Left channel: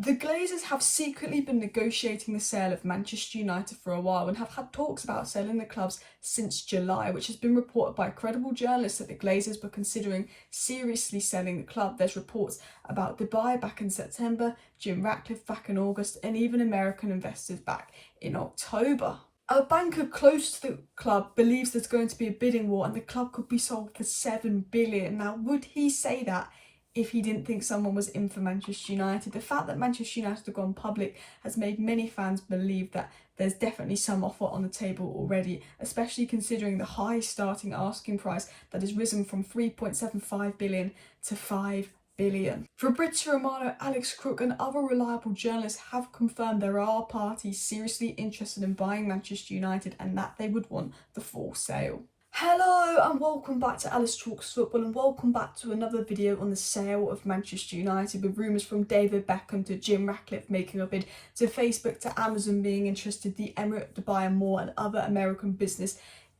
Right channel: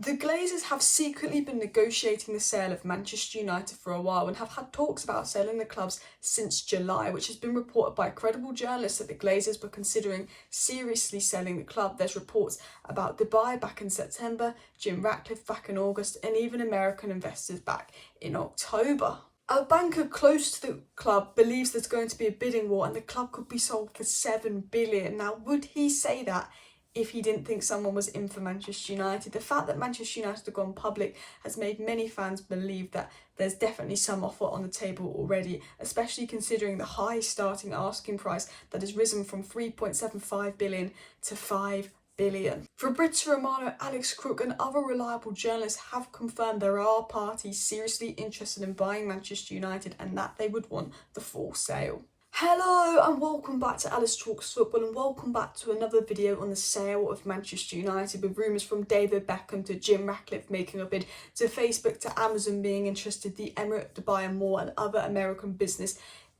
The Glazers have secretly been negotiating the sale of Manchester United for a while and have had talks about selling the clubs since July, which has been reported by credible journalists that the Glazers were considering seriously selling the club. There's reports about Dubai back in September, Jim Ratcliffe back in August, and even American investors back in October. A banker close to the club believes there's going to be a bidding war and the club could be sold for $7 billion. Now, would he say that if he didn't think someone was in for Manchester United? The fact that Manchester United have gone public has made many fans believe that there's definitely some offer on the table already, especially considering the high starting asking price that has risen from 3.75 billion to 5 billion. Fabrizio Romano, Alex Crook and other reliable journalists have confirmed there are parties seriously interested in buying Manchester United and that they would want the full sale. Hello and welcome back to Alice Talks Football, and welcome back to another video on the sale of Manchester United, with rumours from David Beckham to Jim Ratcliffe making a bid, to Facebook to Amazon being interested, the Emirate Dubai and more, and other American business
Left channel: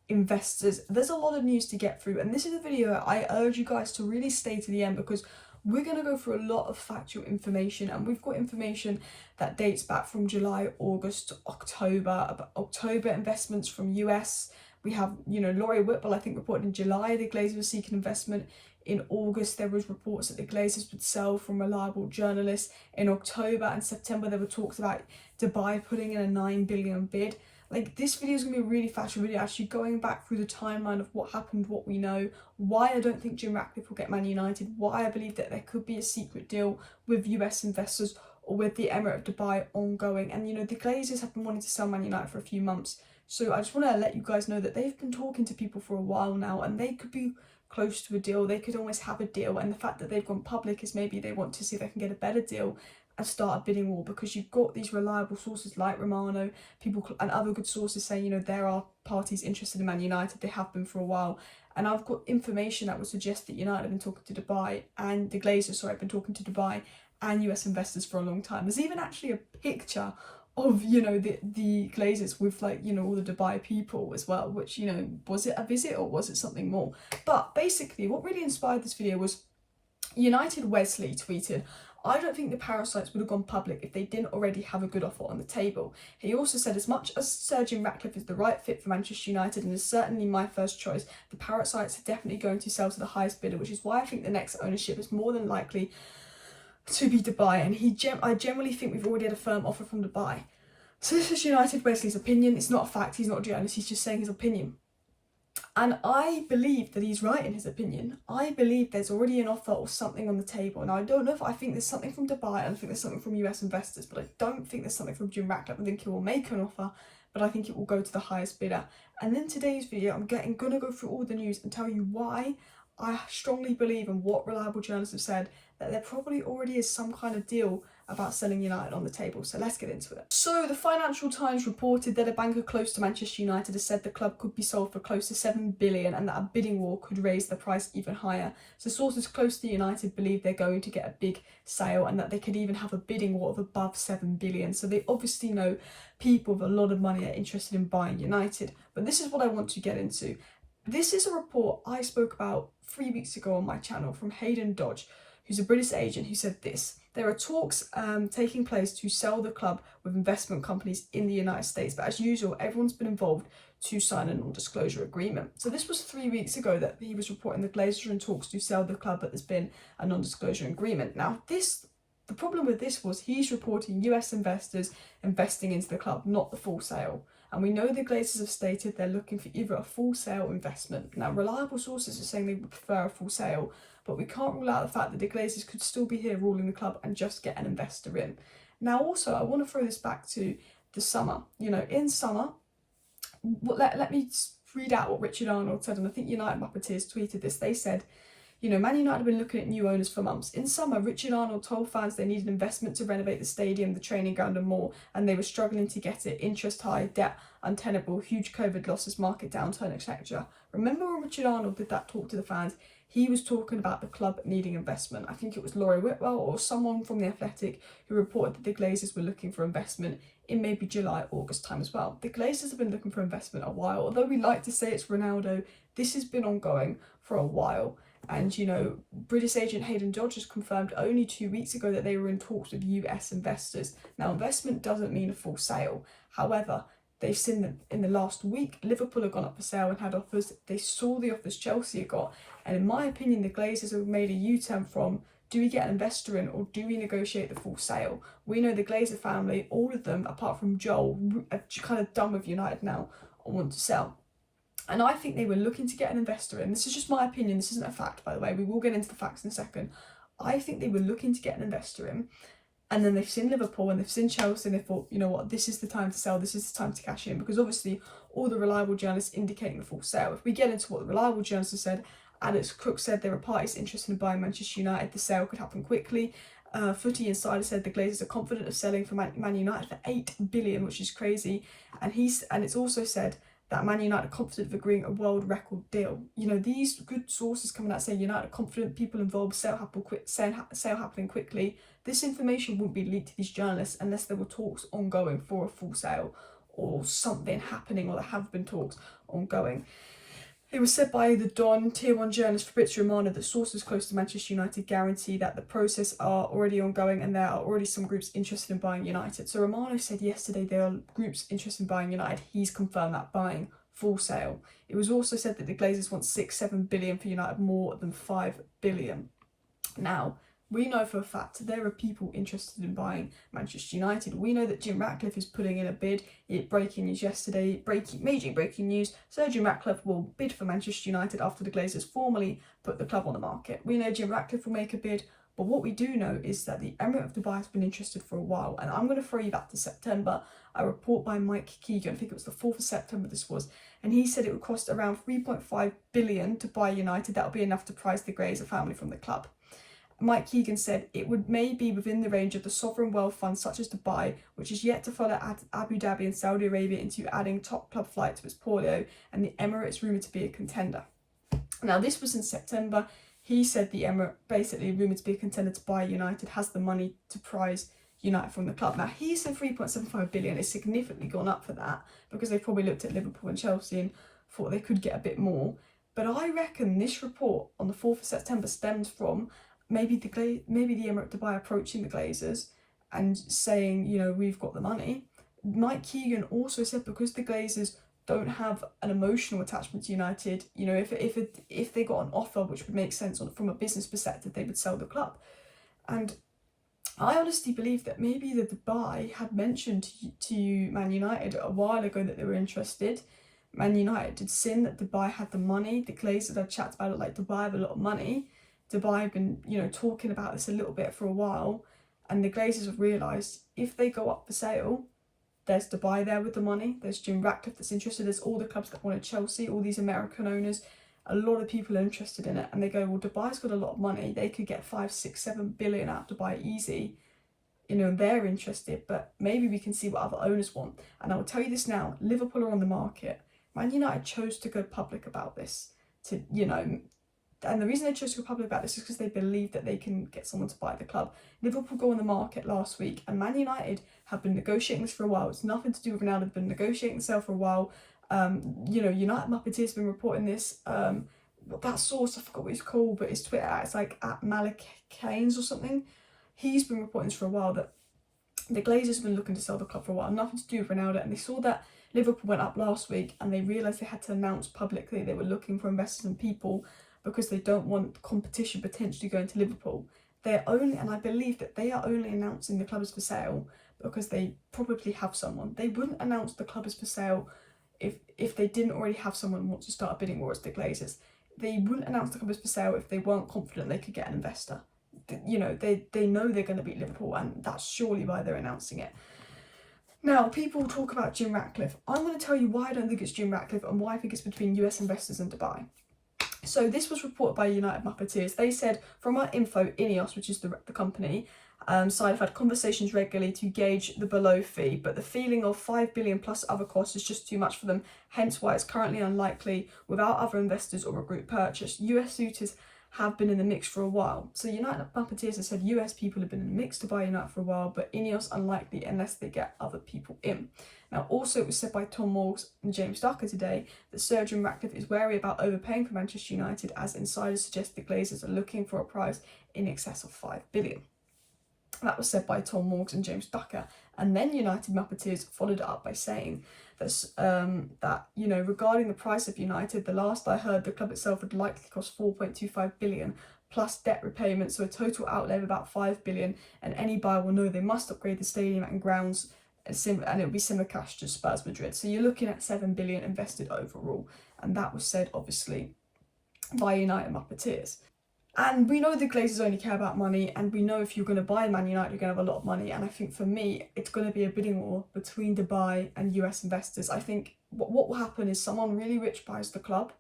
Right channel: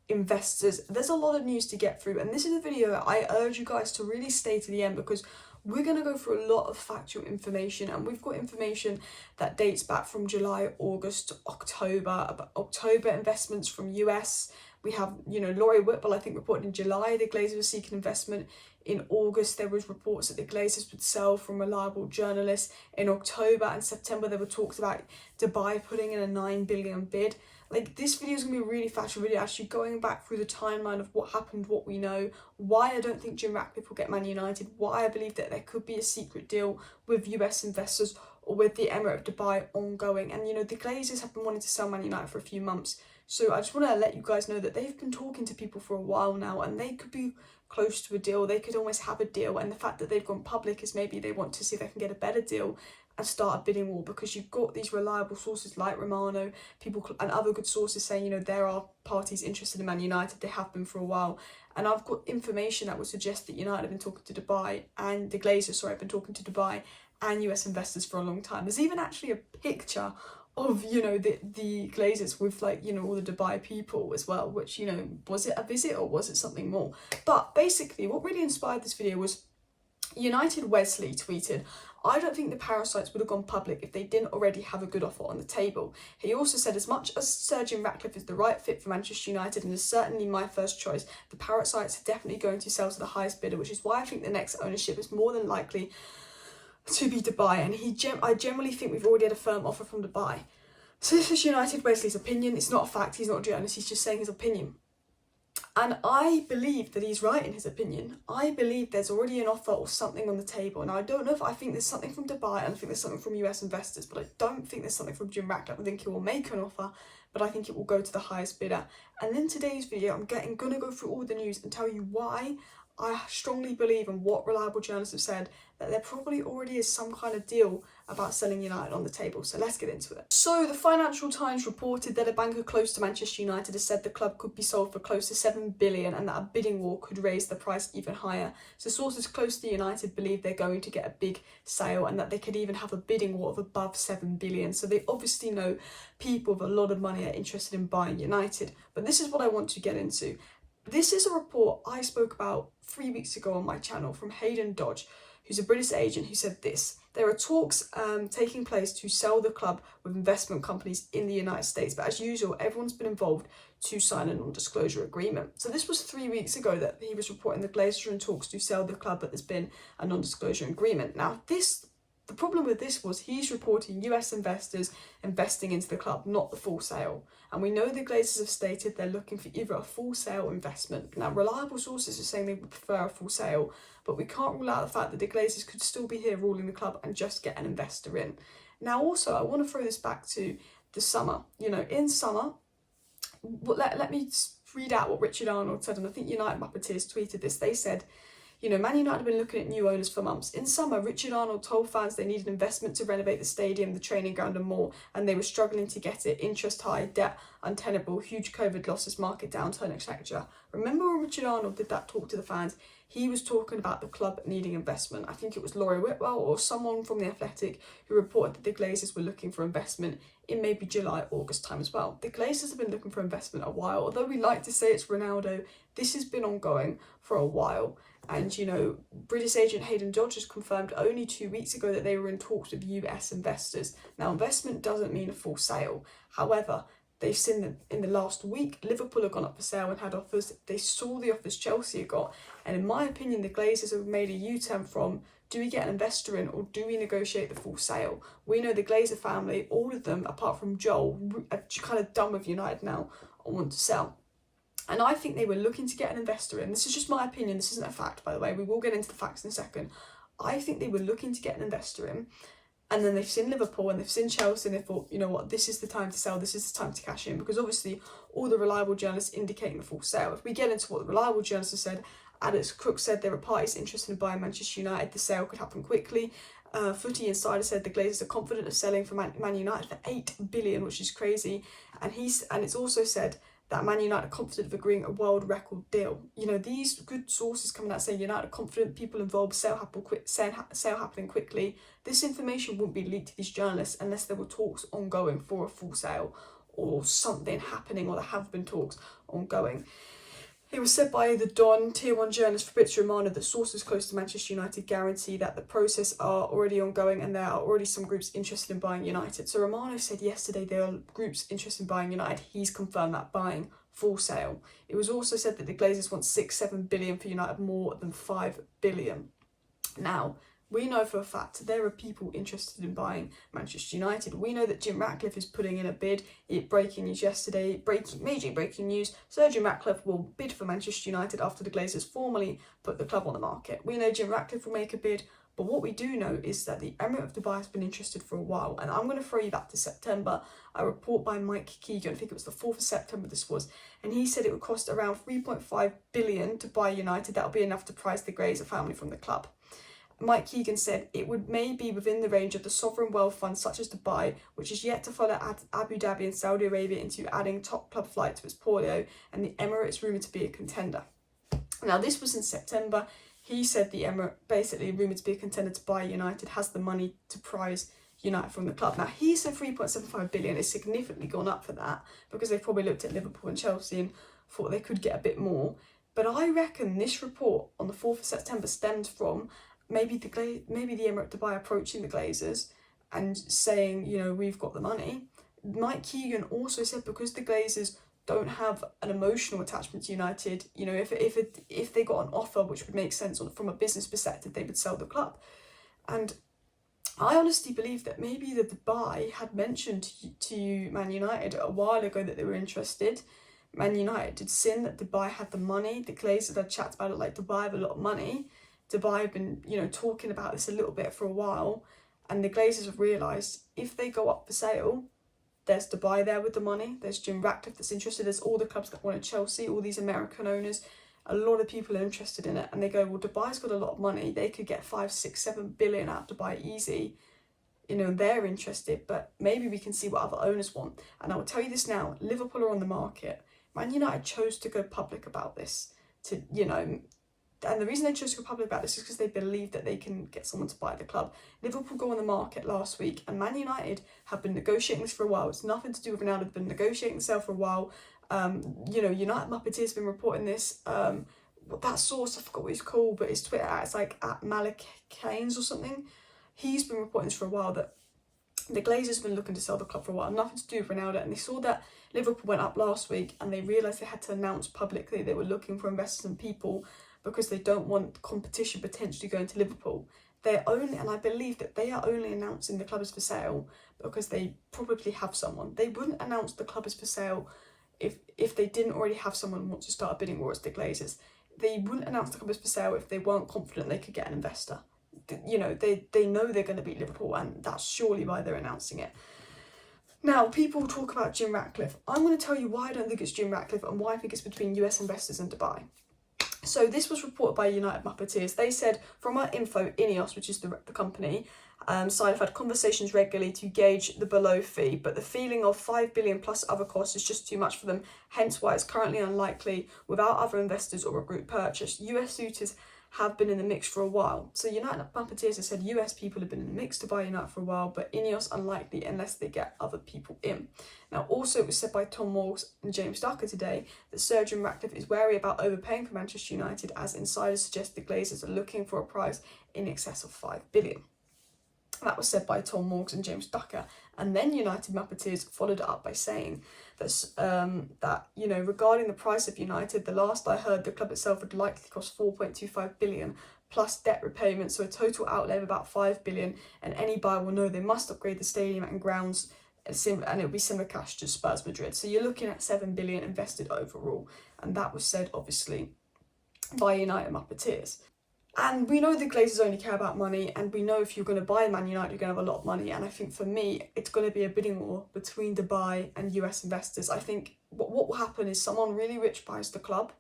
investors. There's a lot of news to get through, and this is a video that I urge you guys to really stay to the end because we're going to go through a lot of factual information, and we've got information that dates back from July, August, October, about October investments from US. We have, Laurie Whitwell, I think, reported in July the Glazers were seeking investment. In August, there was reports that the Glazers would sell from reliable journalists. In October and September, there were talks about Dubai putting in a 9 billion bid. Like, this video is going to be a really factual video, actually going back through the timeline of what happened, what we know, why I don't think Jim Ratcliffe will get Man United, why I believe that there could be a secret deal with US investors or with the Emirate of Dubai ongoing. And, the Glazers have been wanting to sell Man United for a few months. So I just want to let you guys know that they've been talking to people for a while now and they could be close to a deal. They could almost have a deal. And the fact that they've gone public is maybe they want to see if they can get a better deal and start a bidding war, because you've got these reliable sources like Romano, people and other good sources saying, there are parties interested in Man United. They have been for a while. And I've got information that would suggest that United have been talking to Dubai and the Glazers, have been talking to Dubai and US investors for a long time. There's even actually a picture of, the Glazers with all the Dubai people as well, which, was it a visit or was it something more? But basically what really inspired this video was United Wesley tweeted, "I don't think the parasites would have gone public if they didn't already have a good offer on the table." He also said, "As much as Sir Jim Ratcliffe is the right fit for Manchester United and is certainly my first choice, the parasites are definitely going to sell to the highest bidder, which is why I think the next ownership is more than likely to be Dubai, and I generally think we've already had a firm offer from Dubai." So this is United Wesley's opinion. It's not a fact. He's not a journalist. He's just saying his opinion. And I believe that he's right in his opinion. I believe there's already an offer or something on the table. And I don't know if I think there's something from Dubai and I think there's something from US investors, but I don't think there's something from Jim Ratcliffe. I think he will make an offer, but I think it will go to the highest bidder. And in today's video, I'm going to go through all the news and tell you why I strongly believe, and what reliable journalists have said, that there probably already is some kind of deal about selling United on the table. So let's get into it. So the Financial Times reported that a banker close to Manchester United has said the club could be sold for close to 7 billion and that a bidding war could raise the price even higher. So sources close to United believe they're going to get a big sale and that they could even have a bidding war of above 7 billion. So they obviously know people with a lot of money are interested in buying United. But this is what I want to get into. This is a report I spoke about 3 weeks ago on my channel from Hayden Dodge, who's a British agent, who said this: "There are talks taking place to sell the club with investment companies in the United States, but as usual, everyone's been involved to sign a non-disclosure agreement." So this was 3 weeks ago that he was reporting the Glazers are in talks to sell the club, but there's been a non-disclosure agreement. Now, the problem with this was he's reporting US investors investing into the club, not the full sale. And we know the Glazers have stated they're looking for either a full sale investment. Now, reliable sources are saying they would prefer a full sale, but we can't rule out the fact that the Glazers could still be here ruling the club and just get an investor in. Now, also, I want to throw this back to the summer. In summer, let me read out what Richard Arnold said, and I think United Muppeteers tweeted this. They said, Man United have been looking at new owners for months. In summer, Richard Arnold told fans they needed investment to renovate the stadium, the training ground and more, and they were struggling to get it. Interest high, debt untenable, huge COVID losses, market downturn, etc. Remember when Richard Arnold did that talk to the fans? He was talking about the club needing investment. I think it was Laurie Whitwell or someone from The Athletic who reported that the Glazers were looking for investment in maybe July, August time as well. The Glazers have been looking for investment a while. Although we like to say it's Ronaldo, this has been ongoing for a while. And, you know, British agent Hayden Dodge has confirmed only 2 weeks ago that they were in talks with US investors. Now, investment doesn't mean a full sale. However, they've seen that in the last week, Liverpool have gone up for sale and had offers. They saw the offers Chelsea got. And in my opinion, the Glazers have made a U-turn from, do we get an investor in or do we negotiate the full sale? We know the Glazer family, all of them, apart from Joel, are kind of done with United now and want to sell. And I think they were looking to get an investor in. This is just my opinion. This isn't a fact, by the way. We will get into the facts in a second. I think they were looking to get an investor in. And then they've seen Liverpool and they've seen Chelsea and they thought, you know what, this is the time to sell. This is the time to cash in. Because obviously all the reliable journalists indicating the full sale. If we get into what the reliable journalists have said, Alex Crook said there are parties interested in buying Manchester United. The sale could happen quickly. Footy Insider said the Glazers are confident of selling for Man United for $8 billion, which is crazy. And it's also said that Man United are confident of agreeing a world record deal. You know, these good sources coming out saying United are confident, people involved, sale happening quickly. This information wouldn't be leaked to these journalists unless there were talks ongoing for a full sale or something happening, or there have been talks ongoing. It was said by the Don Tier 1 journalist Fabrizio Romano that sources close to Manchester United guarantee that the process are already ongoing and there are already some groups interested in buying United. So Romano said yesterday there are groups interested in buying United. He's confirmed that buying full sale. It was also said that the Glazers want 6-7 billion for United, more than 5 billion. Now, we know for a fact there are people interested in buying Manchester United. We know that Jim Ratcliffe is putting in a bid. Breaking news yesterday, major breaking news, Sir Jim Ratcliffe will bid for Manchester United after the Glazers formally put the club on the market. We know Jim Ratcliffe will make a bid, but what we do know is that the Emirate of Dubai has been interested for a while. And I'm going to throw you back to September, a report by Mike Keegan, I think it was the 4th of September this was, and he said it would cost around 3.5 billion to buy United. That would be enough to prize the Glazer family from the club. Mike Keegan said it would may be within the range of the sovereign wealth funds such as Dubai, which is yet to follow Abu Dhabi and Saudi Arabia into adding top club flight to its portfolio, and the Emirates rumoured to be a contender. Now, this was in September. He said the Emirate, basically rumoured to be a contender to buy United, has the money to prize United from the club. Now, he said 3.75 billion. It's significantly gone up for that because they probably looked at Liverpool and Chelsea and thought they could get a bit more. But I reckon this report on the 4th of September stems from maybe the Emirate Dubai approaching the Glazers and saying, you know, we've got the money. Mike Keegan also said because the Glazers don't have an emotional attachment to United, you know, if they got an offer which would make sense from a business perspective, they would sell the club. And I honestly believe that maybe the Dubai had mentioned to Man United a while ago that they were interested. Man United had seen that Dubai had the money. The Glazers had chatted about it like Dubai have a lot of money. Dubai have been, you know, talking about this a little bit for a while, and the Glazers have realised if they go up for sale, there's Dubai there with the money, there's Jim Ratcliffe that's interested, there's all the clubs that wanted Chelsea, all these American owners, a lot of people are interested in it, and they go, well, Dubai's got a lot of money, they could get 5, 6, 7 billion out of Dubai easy, you know, they're interested, but maybe we can see what other owners want. And I will tell you this now, Liverpool are on the market. Man United chose to go public about this, to, you know, and the reason they chose to go public about this is because they believe that they can get someone to buy the club. Liverpool go on the market last week, and Man United have been negotiating this for a while. It's nothing to do with Ronaldo. They've been negotiating the sale for a while. You know, United Muppeteers have been reporting this. That source, I forgot what he's called, but his Twitter, it's like at Malik Keynes or something. He's been reporting this for a while, that the Glazers have been looking to sell the club for a while. Nothing to do with Ronaldo, and they saw that Liverpool went up last week, and they realised they had to announce publicly they were looking for investors and people, because they don't want competition potentially going to Liverpool. They're only, and I believe that they are only announcing the club is for sale because they probably have someone. They wouldn't announce the club is for sale if they didn't already have someone who wants to start a bidding war as the Glazers. They wouldn't announce the club is for sale if they weren't confident they could get an investor. You know, they know they're going to beat Liverpool, and that's surely why they're announcing it. Now, people talk about Jim Ratcliffe. I'm going to tell you why I don't think it's Jim Ratcliffe and why I think it's between US investors and Dubai. So this was reported by United Muppeteers. They said, from our info, Ineos, which is the company, side have had conversations regularly to gauge the below fee, but the feeling of 5 billion plus other costs is just too much for them, hence why it's currently unlikely without other investors or a group purchase. US suitors have been in the mix for a while. So United Marketeers have said US people have been in the mix to buy United for a while, but Ineos unlikely unless they get other people in. Now, also, it was said by Tom Morgs and James Ducker today that Sir Jim Ratcliffe is wary about overpaying for Manchester United, as insiders suggest the Glazers are looking for a price in excess of £5 billion. That was said by Tom Morgs and James Ducker. And then United Marketeers followed it up by saying that regarding the price of United, the last I heard, the club itself would likely cost £4.25 billion plus debt repayment, so a total outlay of about £5 billion. And any buyer will know they must upgrade the stadium and grounds, and it will be similar cash to Spurs Madrid. So you're looking at £7 billion invested overall, and that was said obviously by United Marketeers. And we know the Glazers only care about money, and we know if you're going to buy Man United, you're going to have a lot of money. And I think for me, it's going to be a bidding war between Dubai and US investors. I think what will happen is someone really rich buys the club,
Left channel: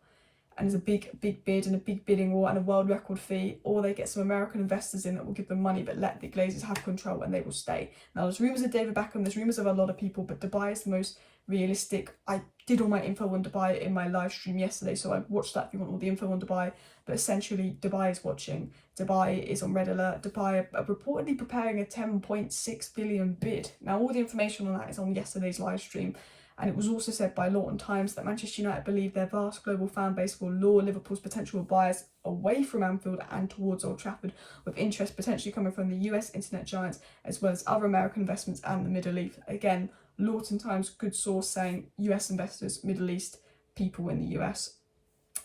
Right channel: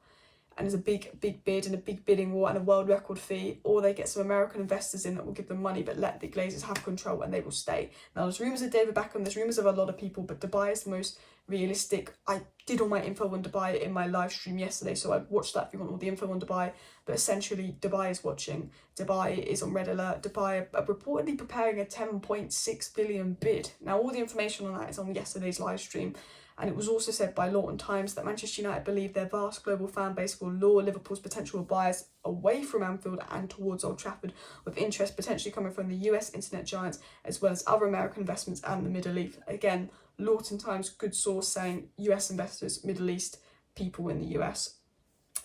and there's a big bid and a big bidding war and a world record fee, or they get some American investors in that will give them money but let the Glazers have control and they will stay. Now, there's rumours of David Beckham, there's rumours of a lot of people, but Dubai is the most realistic. I did all my info on Dubai in my live stream yesterday, so I'd watch that if you want all the info on Dubai. But essentially, Dubai is watching. Dubai is on red alert. Dubai are reportedly preparing a 10.6 billion bid. Now, all the information on that is on yesterday's live stream. And it was also said by Lawton Times that Manchester United believe their vast global fan base will lure Liverpool's potential buyers away from Anfield and towards Old Trafford, with interest potentially coming from the US internet giants as well as other American investments and the Middle East. Again, Lawton Times, good source, saying US investors, Middle East, people in the US,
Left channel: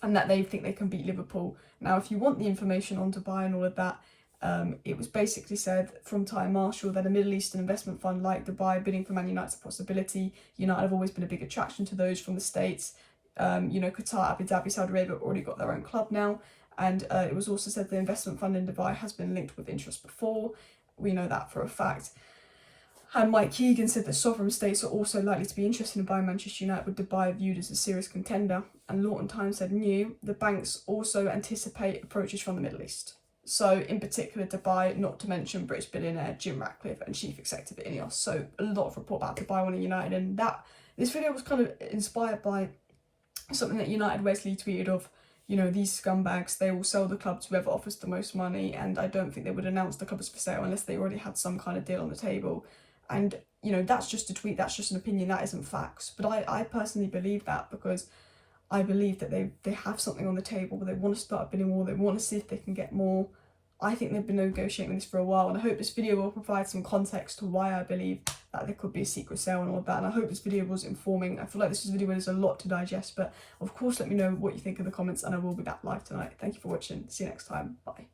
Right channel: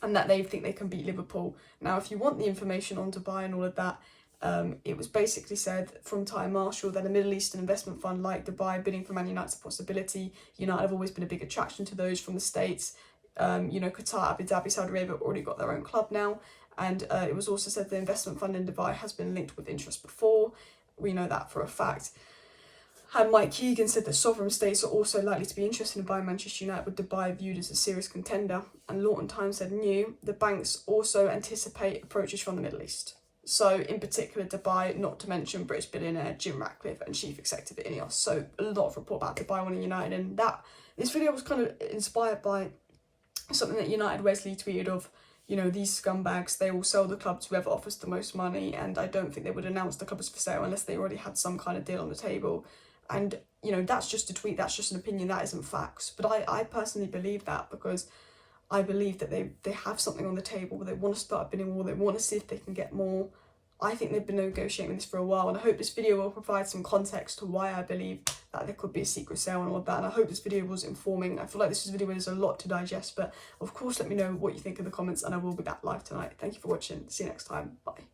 and that they think they can beat Liverpool. Now, if you want the information on Dubai and all of that, it was basically said from Ty Marshall that a Middle Eastern investment fund like Dubai bidding for Man United's a possibility. United have always been a big attraction to those from the States. Qatar, Abu Dhabi, Saudi Arabia have already got their own club now. And it was also said the investment fund in Dubai has been linked with interest before. We know that for a fact. And Mike Keegan said that sovereign states are also likely to be interested in buying Manchester United, with Dubai viewed as a serious contender. And Lawton Times said the banks also anticipate approaches from the Middle East. So in particular Dubai, not to mention British billionaire Jim Ratcliffe and chief executive at Ineos. So a lot of report about Dubai wanting United, and this video was kind of inspired by something that United Wesley tweeted of, these scumbags, they will sell the club to whoever offers the most money, and I don't think they would announce the club as for sale unless they already had some kind of deal on the table. And, that's just a tweet, that's just an opinion, that isn't facts. But I personally believe that, because I believe that they have something on the table, they want to start a bidding war, they want to see if they can get more. I think they've been negotiating this for a while, and I hope this video will provide some context to why I believe that there could be a secret sale and all of that. And I hope this video was informing. I feel like this is a video where there's a lot to digest, but of course let me know what you think in the comments, and I will be back live tonight. Thank you for watching. See you next time. Bye.